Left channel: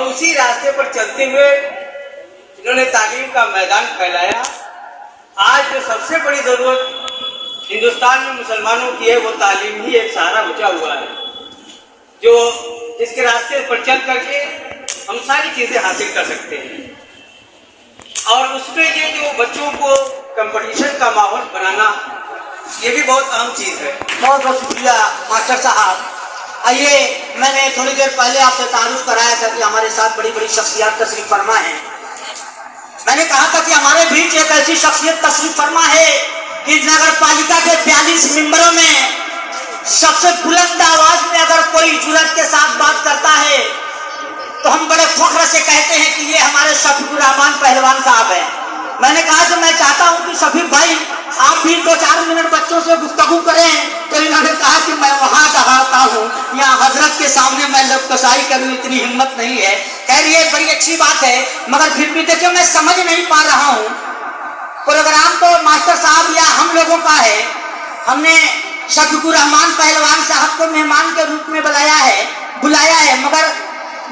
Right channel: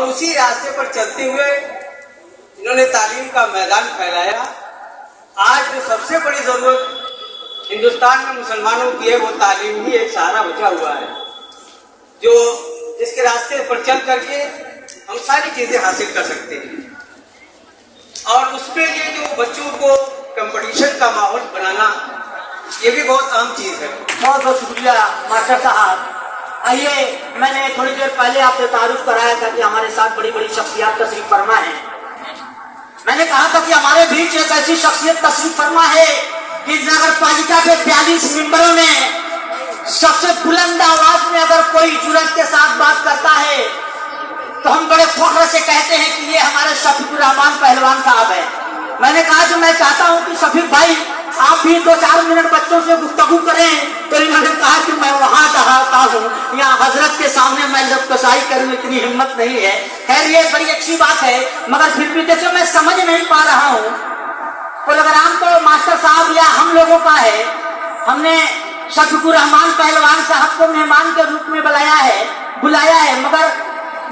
और उसी रास्ते पर चलते हुए इन्होंने तालीम का मैदान फैलाया। आज जो सबसे बड़ी जरूरत हिंदुस्तान में मुसलमानों की है वो तालीम ही एक सहारा बचा हुआ है, जो इसके रास्ते पर चल करके हम सारी चीजें हासिल कर सकते हैं। और उसके लिए जो बच्चों को कंपटीशन का माहौल बनाना, ये भी बहुत अहम चीज है। बहुत बहुत शुक्रिया मास्टर साहब। आइए, मैंने थोड़ी देर पहले आपसे तारुफ कराया था कि हमारे साथ बड़ी बड़ी शख्सियत तशरीफ फरमा है। मैंने कहा था कि हमारे बीच एक ऐसी शख्सियत तशरीफ फरमा है कि नगर पालिका के 42 मेंबरों में सबसे बुलंद आवाज में अगर कोई जुर्रत के साथ बात करता है तो हम बड़े फख्र से कहते हैं कि ये हमारे शफीकुर रहमान पहलवान साहब हैं। मैंने कहा कि मैं चाहता हूं कि शफीक भाई आप भी 2-4 मिनट बच्चों से गुफ्तगू करें, तो इन्होंने कहा कि मैं वहां कहता हूँ, यहाँ हजरत के सामने मैं लबकशाई करूँ इतनी हिम्मत नहीं है। खैर ये बड़ी अच्छी बात है, मगर फिर भी देखिए मैं समझ नहीं पा रहा हूँ। प्रोग्राम तो मास्टर साहब या हम लोगों का है, हमने शफीकुर रहमान पहलवान साहब को मेहमान के रूप में बुलाया है, मगर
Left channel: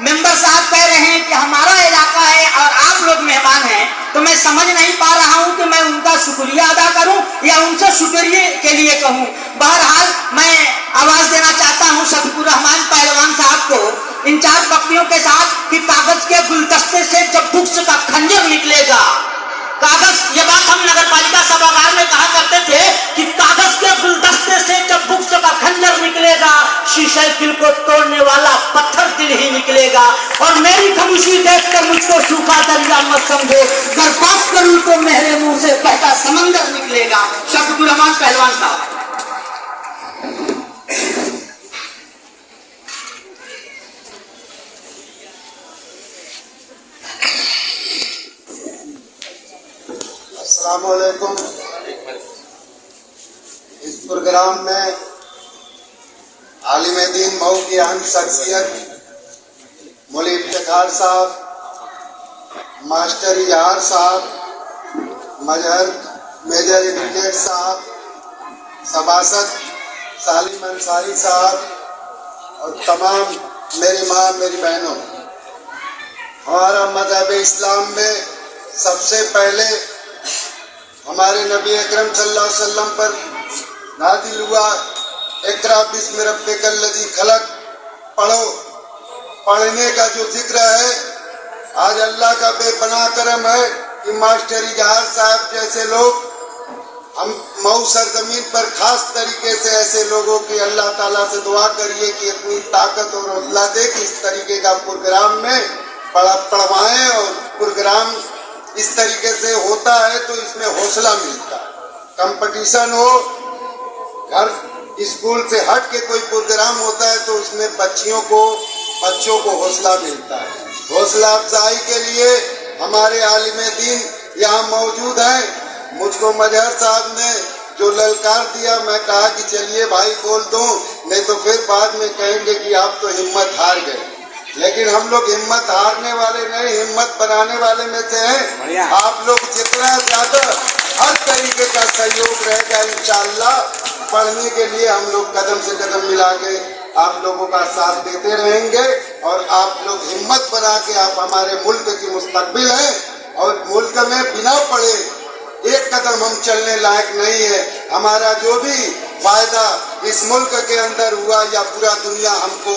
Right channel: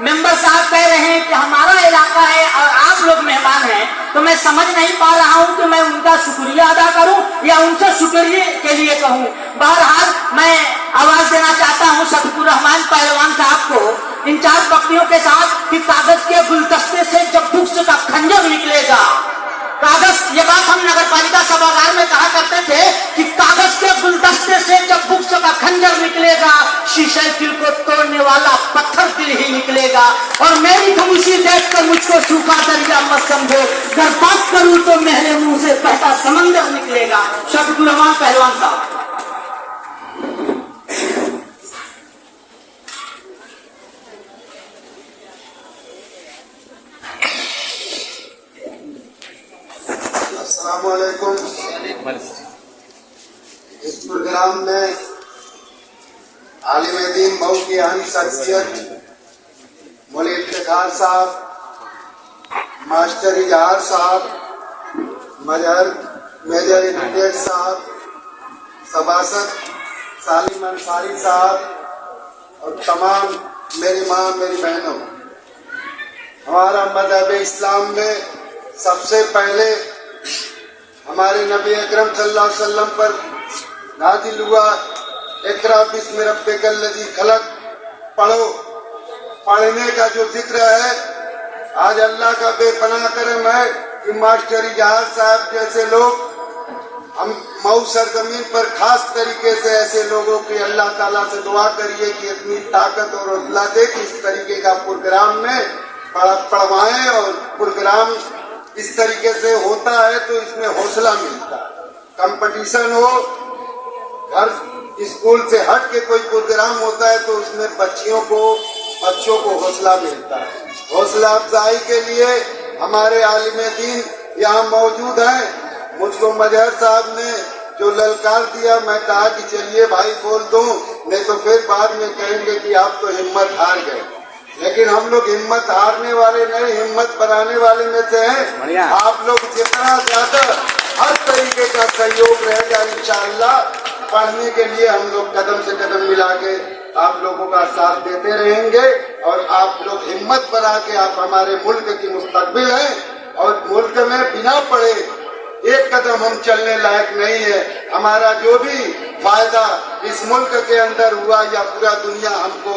मेंबर साहब कह रहे हैं कि हमारा इलाका है और आप लोग मेहमान हैं, तो मैं समझ नहीं पा रहा हूं कि मैं उनका शुक्रिया अदा करूं या उनसे शुक्रिया के लिए कहूं। बहरहाल मैं आवाज देना चाहता हूं शफीकुर रहमान पहलवान साहब को इन 4 पक्तियों के साथ कि कागज के गुलदस्ते से जब बुक्स का खंजर निकलेगा, कागज, ये बात हम नगर पालिका सभागार में कहा करते थे कि कागज के गुलदस्ते से जब बुक्स का खंजर निकलेगा, शीशे दिल को तोड़ने वाला पत्थर दिल ही निकलेगा। और मेरी खामोशी देखकर मुझको सूखा दरिया मत समझो, अगर बात करूं तो मेरे मुंह से बहता समंदर निकलेगा। शफीकुर रहमान पहलवान साहब। अस्सलामुअलैकुम। इस प्रोग्राम में आलिम दीन मऊ की अहम शख्सियत मौलवी इफ्तिखार साहब, मास्टर इजहार साहब, मजहर मेजर इफ्तिखार साहब, सभासद सालिम अंसारी साहब और तमाम मेरी माँ मेरी बहनों, हमारा मजहब इस्लाम में सबसे पहले हमारे नबी अकरम सल्लल्लाहु अलैहि वसल्लम पर नाजिल हुआ इक़रा बिस्मि रब्बिकल लज़ी खलक़, पढ़ो। पढ़ने का जो जिक्र है, आज अल्लाह का बेपनाह करम है कि मास्टर इजहार साहब जैसे लोग हम मऊ सरजमीन पर खास तरीके से ऐसे लोगों की अल्लाह ताला से दुआ करिए कि इतनी ताकत और हौसला दे कि इस तरीके का प्रोग्राम में पढ़वाएं। और प्रोग्राम इस तरीके से होता है तो इसमें हौसला मिलता है। कंपटीशन हो, घर स्कूल से हट के कोई प्रोग्राम होता है तो उसमें बच्चों को हौसला मिलता है। हौसला अफजाई के लिए हमारे आलिम दीन यहाँ मौजूद हैं। मुझको मजहर साहब ने जो ललकार दिया, मैं कहा कि चलिए भाई बोल दूं, नहीं तो फिर बाद में कहेंगे कि आप तो हिम्मत हार गए। लेकिन हम लोग हिम्मत हारने वाले नहीं, हिम्मत बनाने वाले में से हैं। आप लोग जितना ज्यादा हर तरीके का सहयोग रहेगा, इंशाअल्लाह पढ़ने के लिए हम लोग कदम से कदम मिला के आप लोगों का साथ देते रहेंगे। और आप लोग हिम्मत बना के, आप हमारे मुल्क की मुस्तकबिल हैं और मुल्क में बिना पढ़े एक कदम हम चलने लायक नहीं है। हमारा जो भी फायदा इस मुल्क के अंदर हुआ या पूरा दुनिया हमको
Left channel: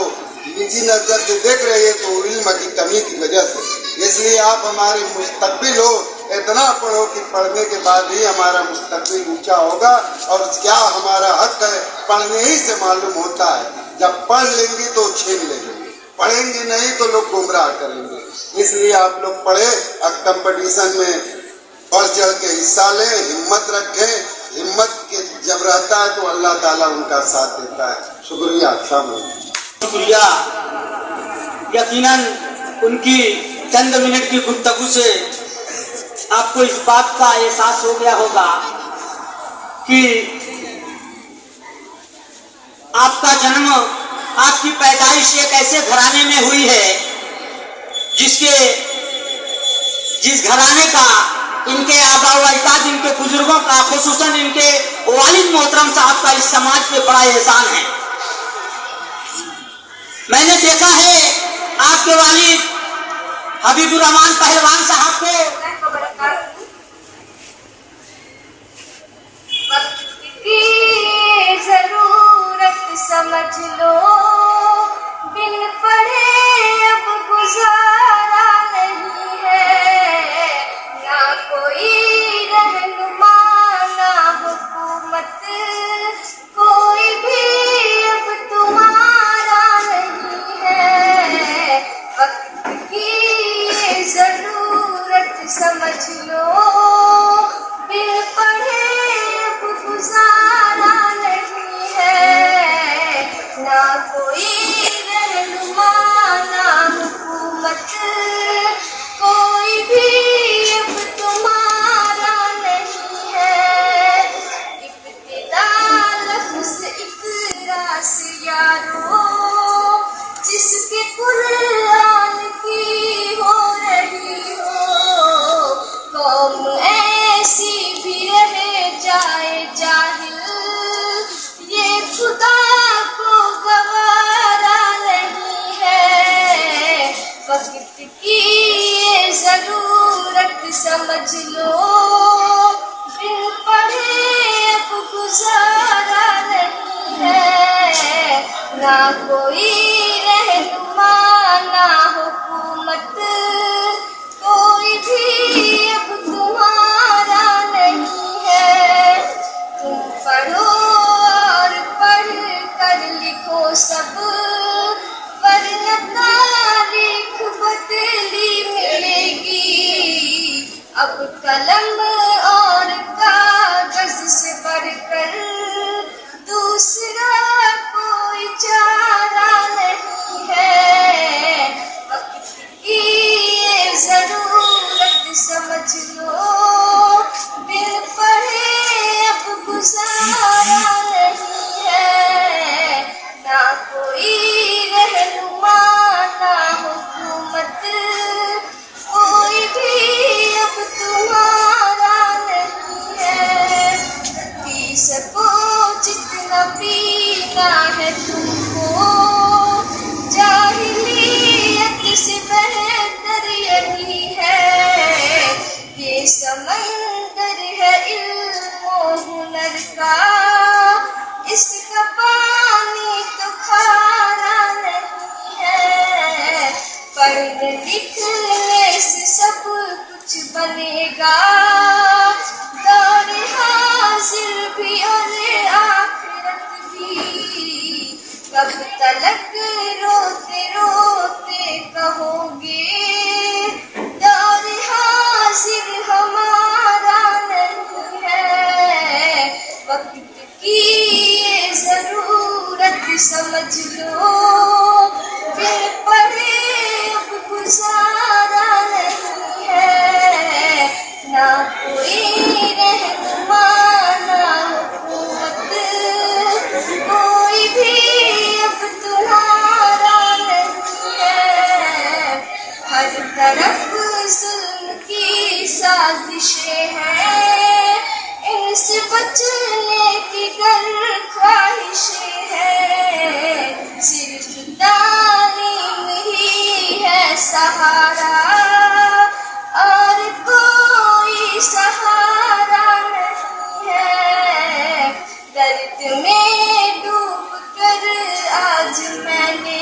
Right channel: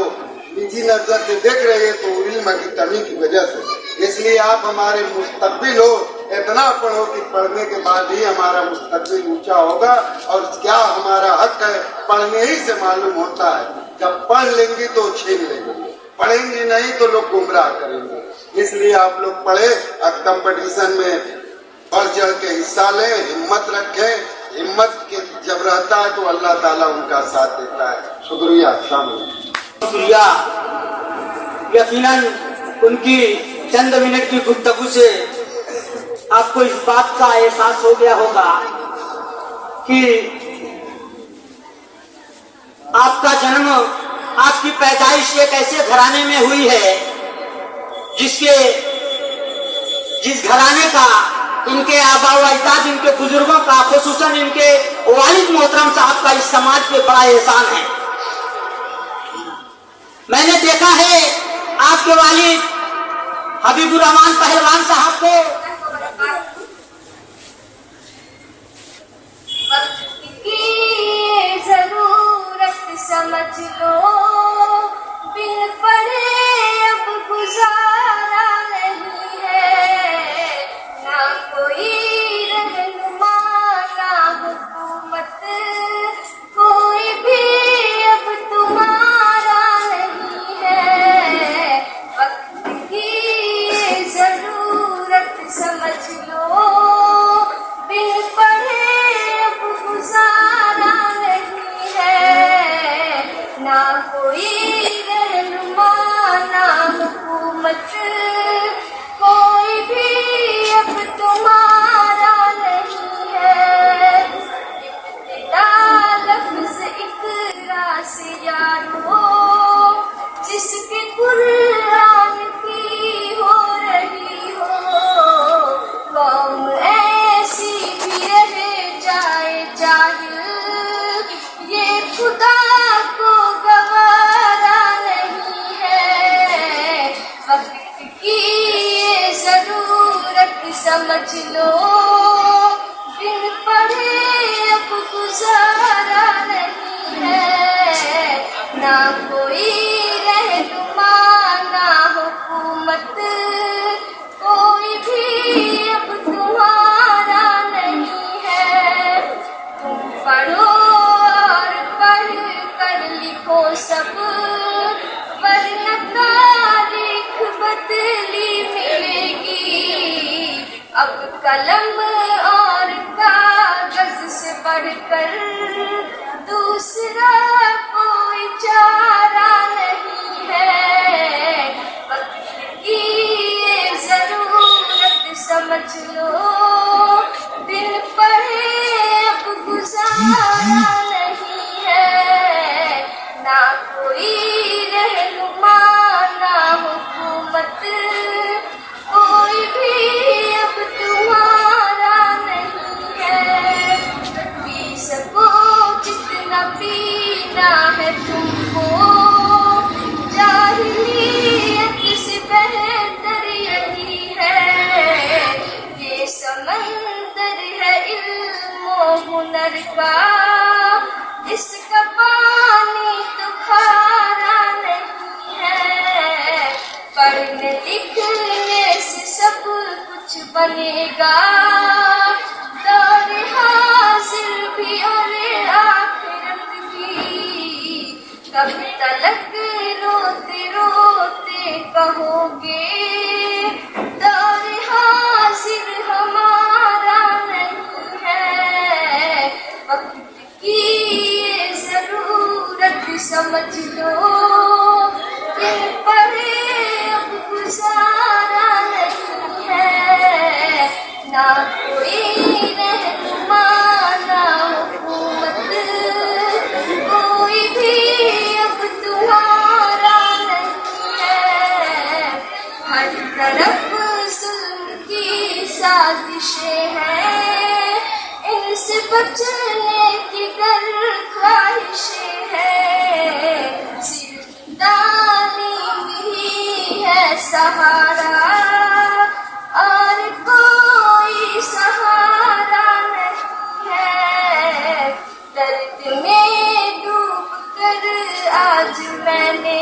निजी नजर से देख रही है तो इल्म की कमी की वजह से। इसलिए आप हमारे मुस्तकबिल हो, इतना पढ़ो कि पढ़ने के बाद ही हमारा मुस्तकबिल ऊंचा होगा। और क्या हमारा हक है, पढ़ने ही से मालूम होता है। जब पढ़ लेंगे तो छीन लेंगे, पढ़ेंगे नहीं तो लोग गुमराह करेंगे। इसलिए आप लोग पढ़े और कंपटीशन में बढ़ चढ़ के हिस्सा लें, हिम्मत रखें। हिम्मत के जब रहता है तो अल्लाह ताला उनका साथ देता है। शुक्रिया, शुक्रिया। यकीनन उनकी चंद मिनट की गुफ्तगू से आपको इस बात का एहसास हो गया होगा कि आपका जन्म, आपकी पैदाइश एक ऐसे घराने में हुई है जिस घराने का इनके आबा व अजदाद, इनके बुजुर्गों का, खुसूसन इनके वालिद मोहतरम साहब का इस समाज पे बड़ा एहसान है। मैंने देखा है आपके वालिद हबीबुर रहमान पहलवान साहब को की जरूरत समझ लो, बिन पढ़े अब गुजारा नहीं है, ना कोई रहनुमा ना हुकूमत, कोई भी अब तुम्हारा नहीं है, वक्त की जरूरत समझ लो, बिन पढ़े अब गुजारा नहीं है, ना कोई रहनुमा ना हुकूमत, कोई भी अब तुम्हारा नहीं है, इब्तिदा लफ्ज़ इक़रा से यारो, जिसके कुरान की हो रही हो, कौम ऐसी भी रह जाए जाहिल, ये खुदा को गवारा नहीं है, वक्त की ये जरूरत समझ लो, बिन पढ़े अब गुजारा नहीं है, ना कोई रहनुमा ना हुकूमत, कोई भी अब तुम्हारा नहीं है, तुम पढ़ो और पढ़ कर लिखो सब, वरना तारीख बदली मिलेगी, अब कलम और कागज से बढ़कर दूसरा कोई चारा नहीं है, वक्त की ये जरूरत समझ लो, बिन पढ़े अब गुजारा नहीं है, ना कोई रहनुमा ना हुकूमत, कोई भी अब तुम्हारा नहीं है, पी सको जितना पीना है तुमको, जाहिलियत से बेहतर यही है, ये समंदर है इल्म हुनर का, इसका पानी तो खारा नहीं है, पढ़ने लिखने से सब कुछ बनेगा, दौर हाजिर भी और आखिरत भी, कब तलक रोते रोते कहोगे, दौर हाजिर हमारा नहीं है, वक्त की ये जरूरत समझ लो, बिन पढ़े अब गुजारा नहीं है, ना कोई रहनुमा ना हुकूमत, कोई भी अब तुम्हारा नहीं है, हर तरफ जुल्म की साजिशें हैं, इनसे बचने की गर ख्वाहिशें हैं, सिर्फ तालीम ही है सहारा, और कोई सहारा नहीं है, दर्द में डूब कर आज मैंने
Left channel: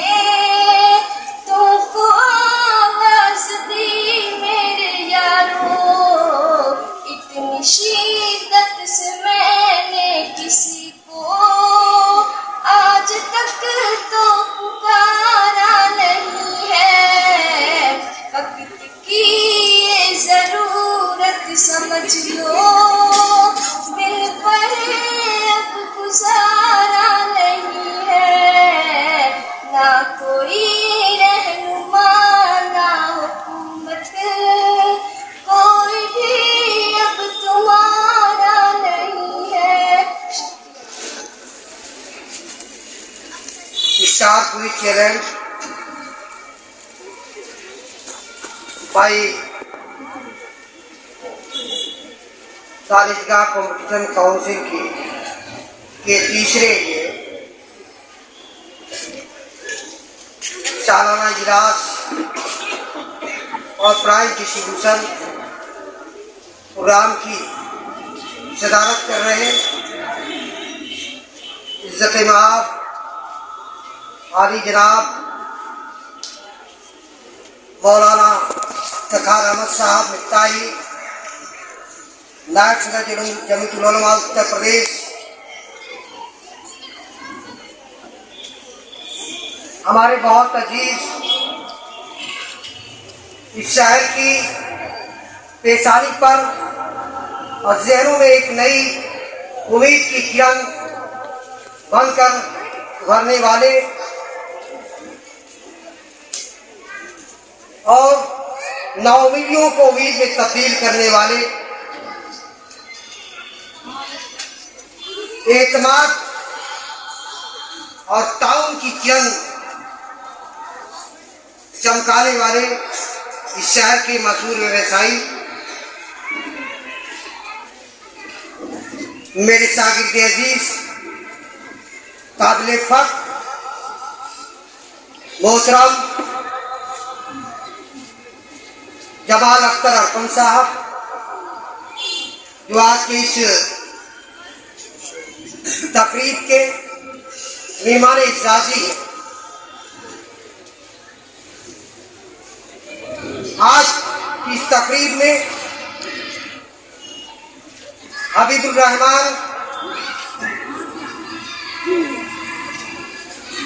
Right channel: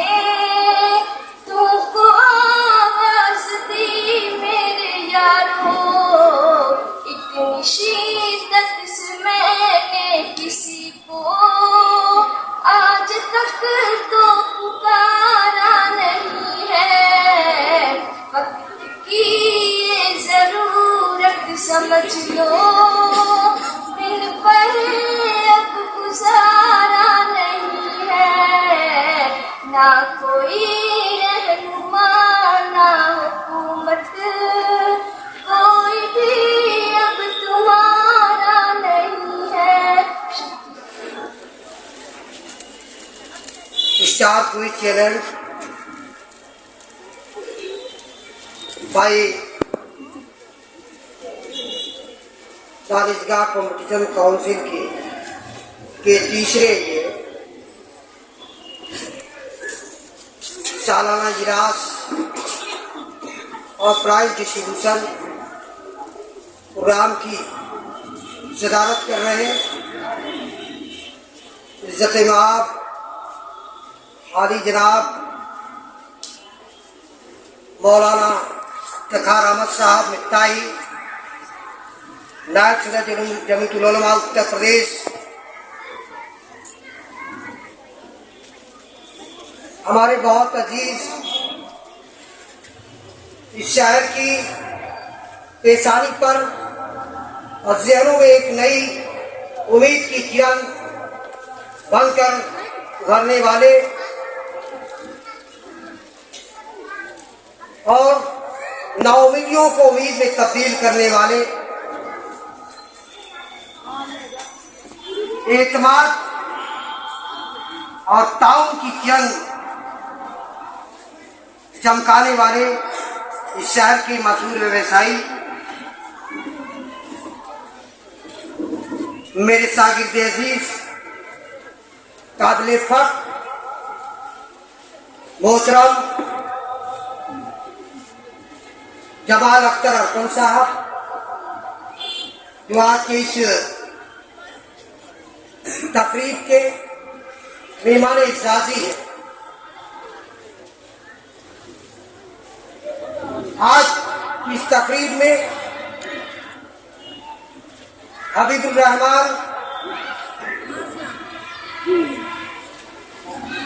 तुमको आवाज दी मेरे यारो, इतनी शिद्दत से मैंने किसी को आज तक तो पुकारा नहीं है, वक्त की ये जरूरत समझ लो, बिन पढ़े अब गुजारा नहीं है, ना कोई रहनुमा ना हुकूमत, कोई भी अब तुम्हारा नहीं है। स्टार क्विज चैलेंज बाई दानिशगाह कंपटीशन काउंसिल के तीसरे ये सालाना इजलास और प्राइज डिस्ट्रीब्यूशन प्रोग्राम की सदारत कर रहे हैं इज़्ज़त-ए-माब आदि जनाब मौलाना तखार अहमद साहब मिफ्ताही, नायब सदर जमीयतुल उलमा उत्तर प्रदेश, हमारे बहुत अजीज इस शहर की पेशानी पर और जहनों में एक नई उम्मीद की किरण बनकर उभरने वाले और नाउमीदियों को उम्मीद में तब्दील करने वाले, एतमाद और ताउन की किरण चमकाने वाले इस शहर के मशहूर व्यवसायी मेरे शागिर्द अजीज काबिल फख्र मोहतरम जमाल अख्तर अरकम साहब, जो आज की इस तकरीब के मेहमान इज़्ज़ाज़ी है। आज की इस तकरीब में हबीबुर रहमान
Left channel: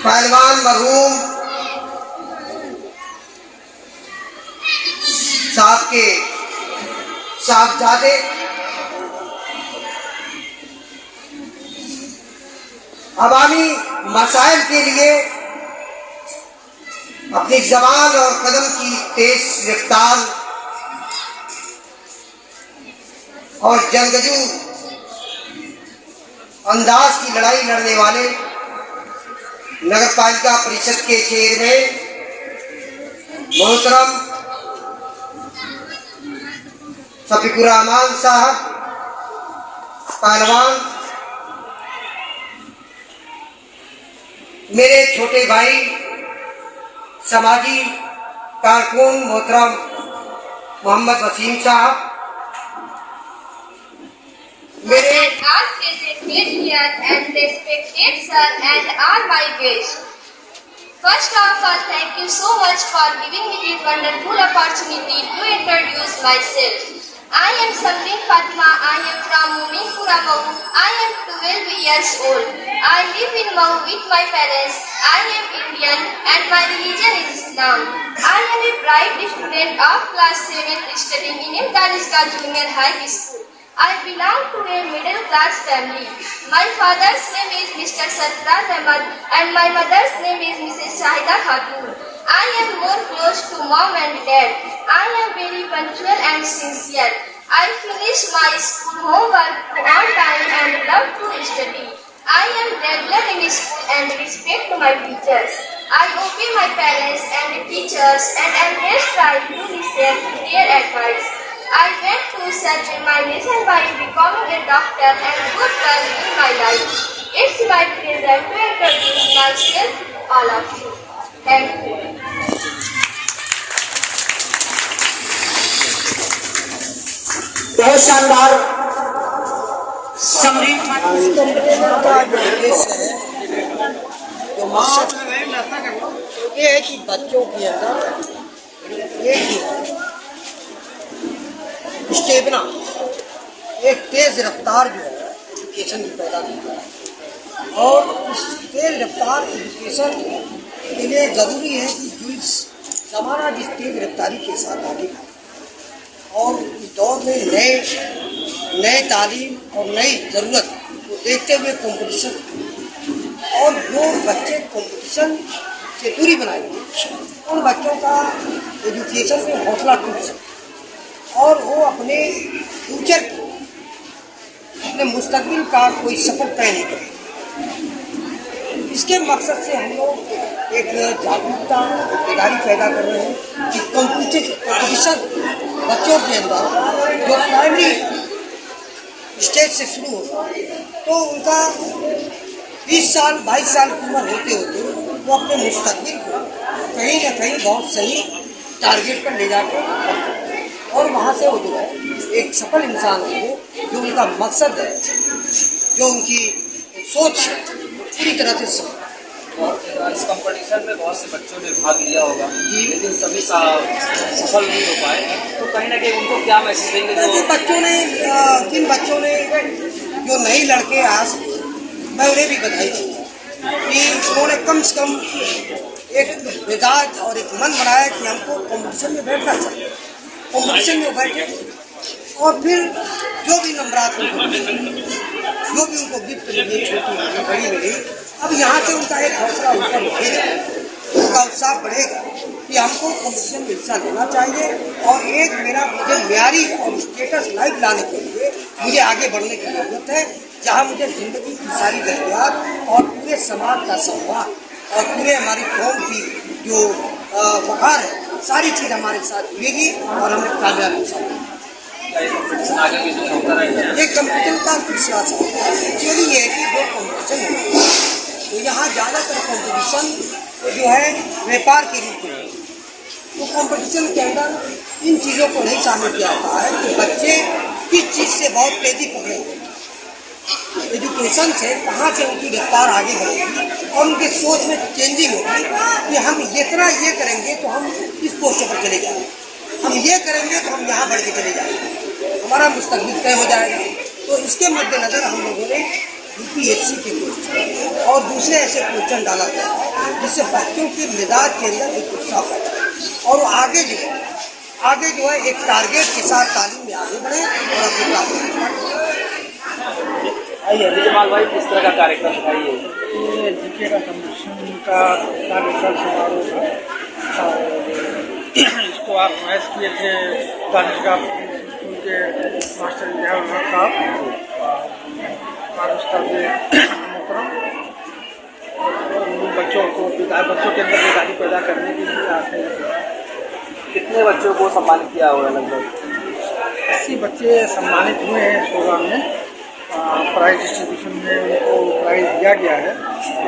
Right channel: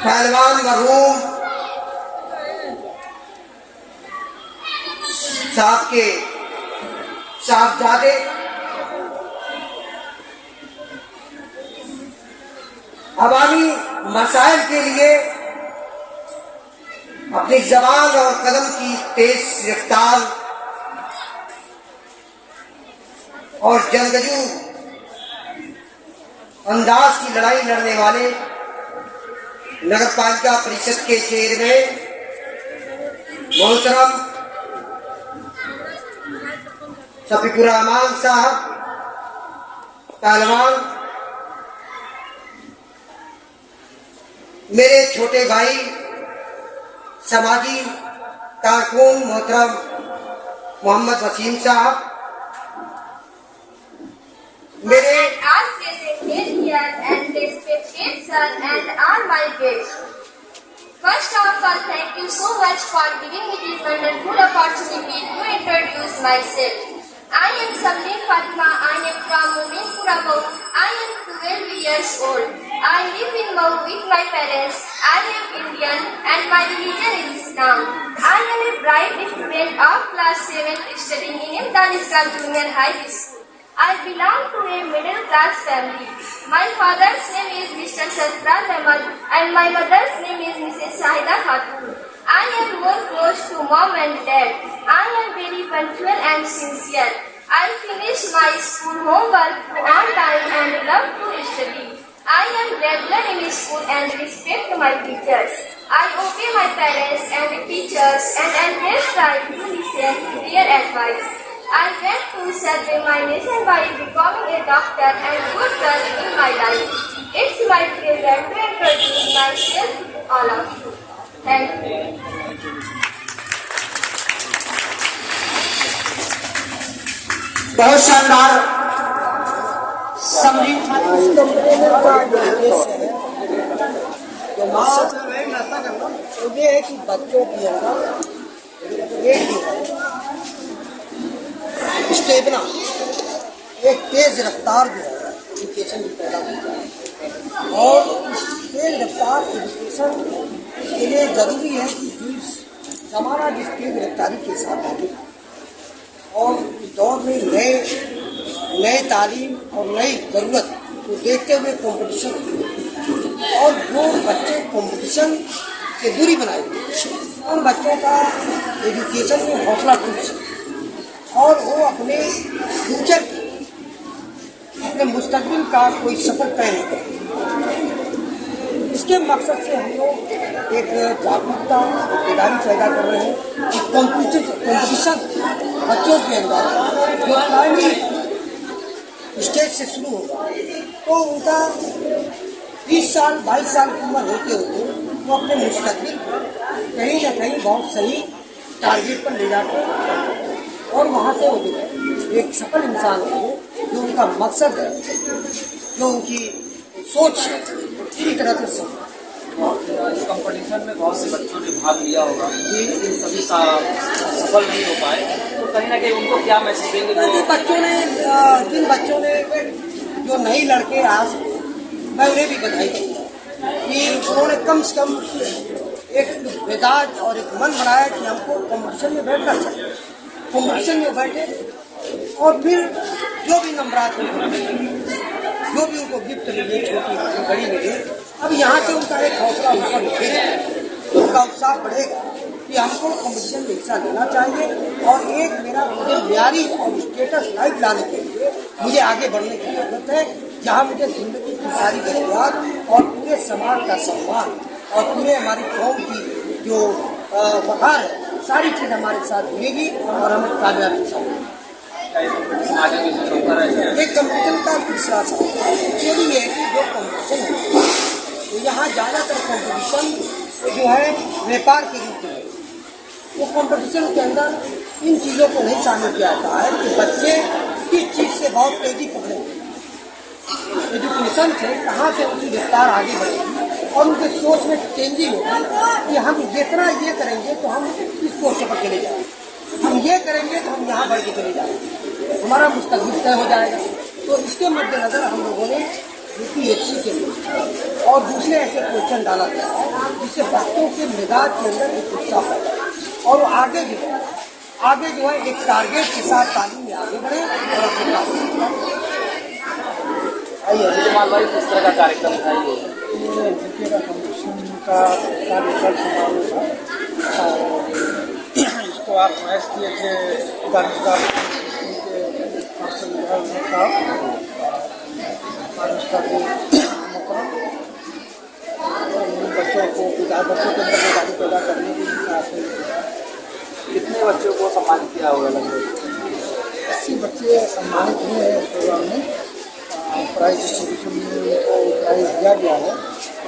पहलवान मरहूम साहब के साहबजादे अवामी मसाइल के लिए अपनी जबान और कदम की तेज रफ्तार और जंगजू अंदाज की लड़ाई लड़ने वाले नगर पालिका परिषद के चेयरमैन मोहतरम शफीकुर रहमान साहब पहलवान, मेरे छोटे भाई समाजी कारकुन मोहतरम मोहम्मद वसीम साहब, मेरे all presented here and respected sir and all my guests. First of all, thank you so much for giving me this wonderful opportunity to introduce myself. I am Sabrin Fatma. I am from Muminpura, Mau. I am 12 years old. I live in Mau with my parents. I am Indian and my religion is Islam. I am a bright student of class 7 studying in Imdaniska Junior High School. I belong to a middle class family. My father's name is Mr. Sarfraz Ahmad and my mother's name is Mrs. Shahida Khatun. I am more close to mom and dad. I am very punctual and sincere. I finish my school homework on time and love to study. I am regular in school and respect my teachers. I obey my parents and teachers and always try to listen to their advice. I went to serve my nation by becoming a doctor and good girl in my life. It's my pleasure to introduce myself to all of you. Thank you. बहुत शानदार summary complainer का जो उद्देश्य है, जो मकसद तो ये है कि बच्चों के अंदर एक जो है स्टेमिना, एक तेज रफ्तार जो है एजुकेशन की पैदा की जाए। और इस तेज रफ्तार एजुकेशन के लिए ज़रूरी है कि जो इस ज़माना जिस तेज रफ्तारी के साथ आगे बढ़े और इस दौर में नए तालीम और नई ज़रूरत को देखते हुए कंपटीशन, और जो बच्चे कंपटीशन से दूरी बनाए उन बच्चों का एजुकेशन में हौसला टूट सके और वो अपने फ्यूचर की, अपने मुस्तकबिल का कोई सफ़र तय नहीं करे। इसके मकसद से हम लोग एक जागरूकता, एक बेदारी पैदा कर रहे हैं कि कंपटीशन बच्चों के अंदर जो प्राइमरी स्टेज से शुरू होगा तो उनका 20 साल 22 साल की उम्र होते होते वो अपने मुस्तकबिल को कहीं ना कहीं बहुत सही टारगेट पर ले जाकर और वहाँ से वो जो है एक सफल इंसान हो, जो उनका मकसद है, जो उनकी सोच है, पूरी तरह से सफल। इस कंपटीशन में बहुत से बच्चों ने भाग लिया होगा, लेकिन सभी सफल नहीं हो पाए, तो कहीं ना कहीं उनको क्या मैसेज देंगे? जिन बच्चों ने जो नए लड़के आज, मैं उन्हें भी बधाई दूँगा कि उन्होंने कम से कम एक मिजाज और एक मन बनाया कि हमको कंपटीशन में बैठना चाहिए। कंपटीशन में बैठे और फिर जो भी नंबरात उनको मिले, जो भी उनको गिफ्ट मिले, छोटी मिली बड़ी मिली, अब यहाँ से उनका एक हौसला ऊपर उठेगा, उनका उत्साह बढ़ेगा कि हमको कंपटीशन में हिस्सा लेना चाहिए और एक मुझे म्यारी और स्टेटस लाइफ लाने के लिए मुझे आगे बढ़ने की जरूरत है, जहाँ मुझे जिंदगी की सारी जरूरियात और पूरे समाज का सम्मान और पूरे हमारी कौम की जो वक़ार है, सारी चीज़ हमारे साथ जुड़ेगी और हमें कामयाबी मिलेगी। ये कंपटीशन का तीसरा सवाल एक्चुअली ये है कि जो कंपटीशन है तो यहाँ ज़्यादातर कंपटीशन जो है व्यापार के रूप में, तो कंपटीशन के अंदर इन चीज़ों को नहीं शामिल किया जाता है कि बच्चे किस चीज़ से बहुत तेज़ी पकड़ेंगे, एजुकेशन से कहाँ से उनकी रफ्तार आगे बढ़ेगी और उनके सोच में चेंजिंग होगी कि हम जितना ये करेंगे तो हम इस पोस्ट पर चले जाएंगे, हम ये करेंगे तो हम यहाँ बढ़ के चले जाएंगे, हमारा मुस्तकबिल तय हो जाएगा। तो इसके मद्देनज़र हम लोगों ने UPSC के क्वेश्चन और दूसरे ऐसे क्वेश्चन डाला गया है जिससे बच्चों के मिजाज के अंदर एक उत्साह पैदा हो और वो आगे जो है एक टारगेट के साथ तालीम में आगे बढ़े और अपने टारगेट आइए जमाल भाई, किस तरह का कार्यक्रम था ये जीके का कंपटीशन का कार्यक्रम समारोह था और इसको ऑर्गेनाइज किए थे दानिशगाह स्कूल के मास्टर जयाल साहब और उस्ताद मोहतरम। बच्चों के अंदर बेदारी पैदा करने के लिए आते हैं। कितने बच्चों को सम्मानित किया होगा? लगभग 80 बच्चे सम्मानित हुए हैं इस प्रोग्राम में। प्राइज डिस्ट्रीब्यूशन में उनको प्राइज दिया गया है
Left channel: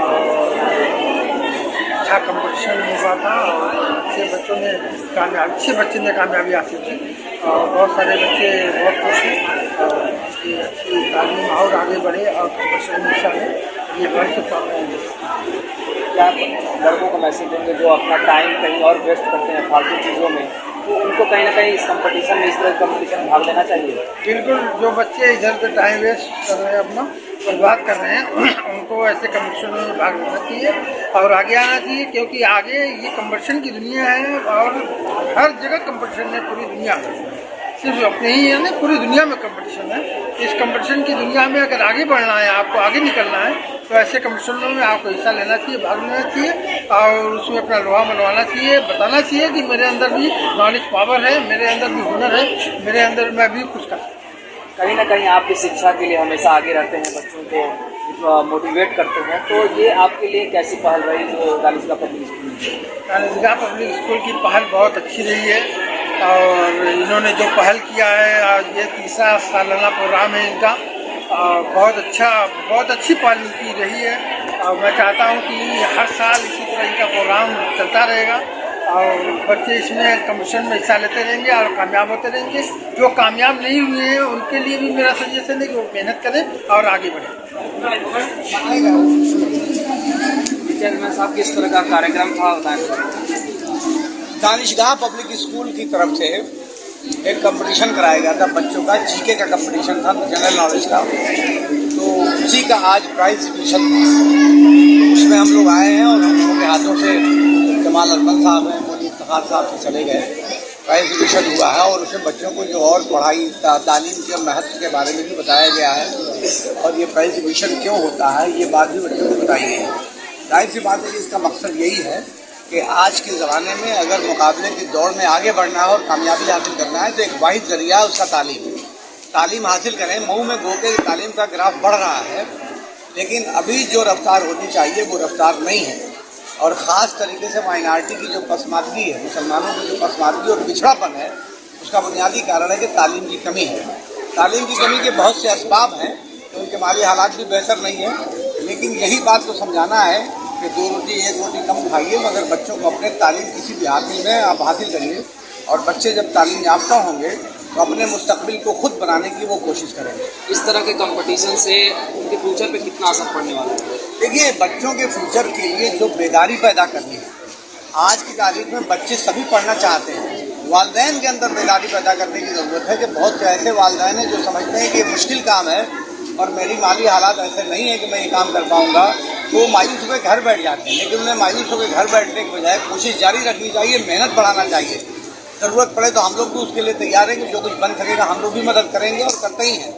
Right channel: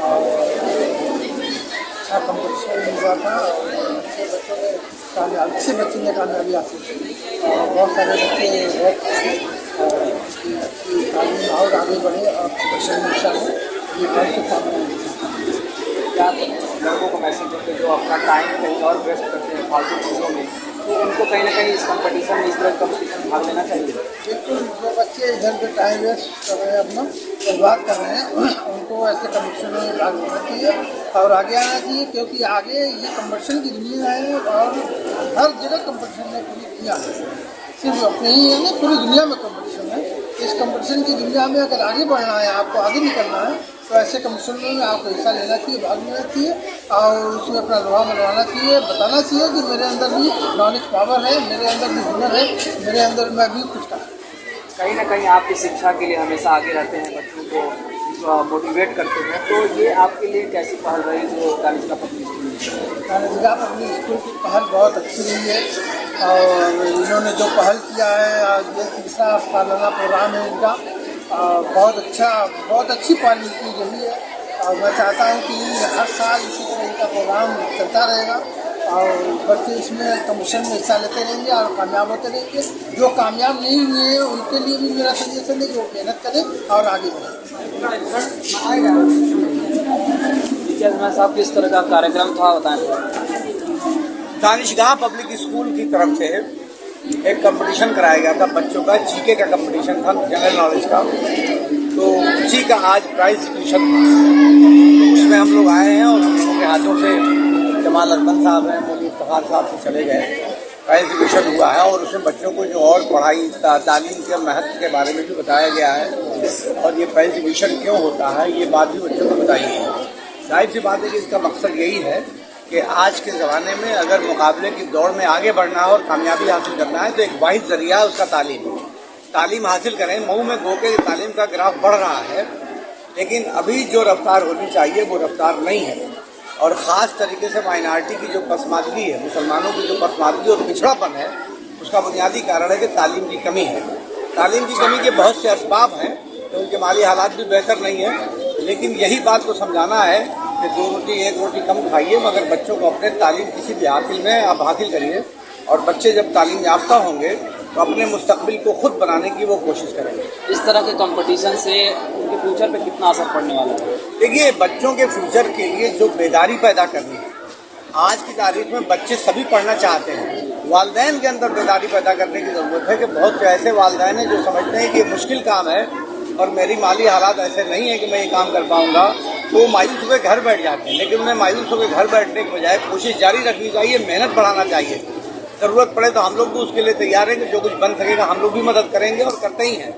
और अच्छा कंपटीशन हुआ था और अच्छे बच्चे ने कामयाबी हासिल की और बहुत सारे बच्चे बहुत खुश हैं और अच्छी तालीम और आगे बढ़े और कंपटीशन में हिस्सा लें, ये घर से पाने क्या लड़कों को मैसेज देंगे जो अपना टाइम कहीं और वेस्ट करते हैं फालतू चीज़ों में, तो उनको कहीं ना कहीं इस कंपटीशन में, इस तरह कंपटीशन में भाग लेना चाहिए? बिल्कुल, जो बच्चे इधर पे टाइम वेस्ट कर रहे हैं, अपना बर्बाद कर रहे हैं, उनको ऐसे कंपटीशन में भाग लेना चाहिए और आगे आना चाहिए, क्योंकि आगे ये कंपटीशन की दुनिया है और हर जगह कंपटीशन है, पूरी दुनिया में, सिर्फ अपने ही है ना, पूरी दुनिया में कंपटीशन है। इस कंपटीशन की दुनिया में अगर आगे बढ़ना है, आपको आगे निकलना है, तो ऐसे कंपटीशनों में आपको हिस्सा लेना चाहिए, भाग लेना चाहिए और उसमें अपना लोहा मनवाना चाहिए, बताना चाहिए कि मेरे अंदर भी नॉलेज पावर है, मेरे अंदर भी हुनर है, मेरे अंदर मैं भी कुछ कर। कहीं ना कहीं आपकी शिक्षा के लिए हमेशा आगे रहते हैं, बच्चों को मोटिवेट करते हैं, तो ये आपके लिए कैसी पहल रही जो दानिशगाह पब्लिक स्कूल? दानिशगाह पब्लिक स्कूल की पहल बहुत अच्छी रही है और इन्होंने जो पहल किया है, ये तीसरा सालाना प्रोग्राम है इनका, बहुत अच्छी पहल की रही है और मैं चाहता हूँ कि हर साल इसी तरह इनका प्रोग्राम चलता रहेगा और बच्चे इसमें कंपटीशन में हिस्सा लेते रहेंगे और कामयाब होते रहेंगे। जो कामयाब नहीं हुए हैं उनके लिए भी मेरा सजेशन है कि वो मेहनत करें और आगे बढ़ें। साहब, किस तरह का कार्यक्रम था बताएं? दानिशगाह पब्लिक स्कूल की तरफ से एक कंपटीशन कराया गया था बच्चों का, जीके का कंपटीशन था, जनरल नॉलेज का। तो उसी का आज प्राइज डिस्ट्रीब्यूशन था, उसमें हम लोग आए हैं और हम लोगों के हाथों से जमाल अरबन साहब हैं, मोदी इफ्तिखार साहब से चले गए, प्राइज डिस्ट्रीब्यूशन हुआ है और उसमें बच्चों को जो और पढ़ाई तालीम के महत्व के बारे में भी बताया गया है और ये प्राइज डिस्ट्रीब्यूशन क्यों होता है ये बात भी बच्चों को बताई गई है। जाहिर सी बात है कि इसका मकसद यही है कि आज के ज़माने में अगर मुकाबले की दौड़ में आगे बढ़ना है और कामयाबी हासिल करना है तो एक वाहिद जरिया है उसका तालीम हासिल करें। मऊ में गो के तालीम का ग्राफ बढ़ रहा है, लेकिन अभी जो रफ्तार होनी चाहिए वो रफ्तार नहीं है और ख़ास तरीके से माइनॉरिटी की जो पसमानदगी है, मुसलमानों की जो पसमानदगी और पिछड़ापन है, उसका बुनियादी कारण है कि तालीम की कमी है। तालीम की कमी के बहुत से असबाब हैं कि उनके माली हालात भी बेहतर नहीं है, लेकिन यही बात को समझाना है कि कि 2 रोटी 1 रोटी कम खाइए, मगर बच्चों को अपने तालीम किसी भी हासिल में आप हासिल करिए। और बच्चे जब तालीम याफ्ता होंगे तो अपने मुस्तकबिल को खुद बनाने की वो कोशिश करेंगे। इस तरह के कंपटीशन से उनके फ्यूचर पे कितना असर पड़ने वाला है? देखिए, बच्चों के फ्यूचर के लिए जो बेदारी पैदा करनी है, आज की तारीख में बच्चे सभी पढ़ना चाहते हैं। वालिदैन के अंदर बेदारी पैदा करने की ज़रूरत है कि बहुत से ऐसे वालिदैन हैं जो समझते हैं कि ये मुश्किल काम है और मेरी माली हालात ऐसे नहीं है कि मैं ये काम कर पाऊँगा, तो वो मायूस होकर घर बैठ जाते हैं। लेकिन उन्हें मायूस होकर घर बैठने के बजाय कोशिश जारी रखनी चाहिए, मेहनत बढ़ाना चाहिए। ज़रूरत पड़े तो हम लोग भी उसके लिए तैयार हैं कि जो कुछ बन सकेगा हम लोग भी मदद करेंगे और करते ही हैं।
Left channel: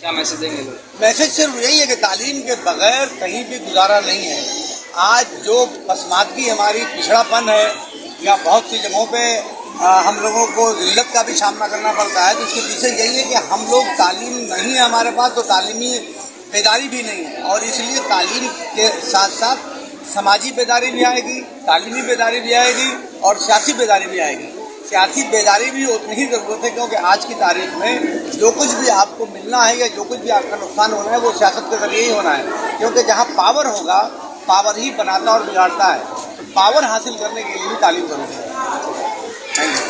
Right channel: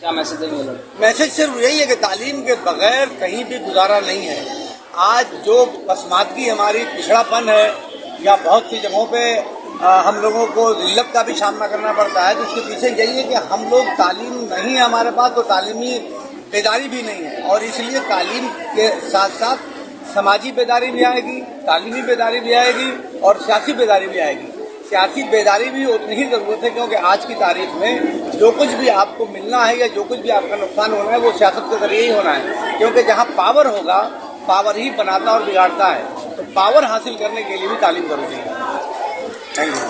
क्या मैसेज देंगे लोग? मैसेज सिर्फ यही है कि तालीम के बगैर कहीं भी गुजारा नहीं है। आज जो पसमानदगी हमारी पिछड़ापन है या बहुत सी जगहों पे हम लोगों को जिल्लत का भी सामना करना पड़ता है, तो इसके पीछे यही है कि हम लोग तालीम नहीं है हमारे पास, तो तालीमी बेदारी भी नहीं है। और इसलिए तालीम के साथ साथ समाजी बेदारी भी आएगी, तालीमी बेदारी भी आएगी और सियासी बेदारी भी आएगी। सियासी बेदारी भी उतनी ही ज़रूरत है, क्योंकि आज की तारीख में जो कुछ भी आपको मिलना है या जो कुछ भी आपका नुकसान होना है वो सियासत के जरिए ही होना है। क्योंकि जहाँ पावर होगा, पावर ही बनाता और बिगाड़ता है। तो पावर हासिल करने के लिए भी तालीम जरूरी है। Thank you.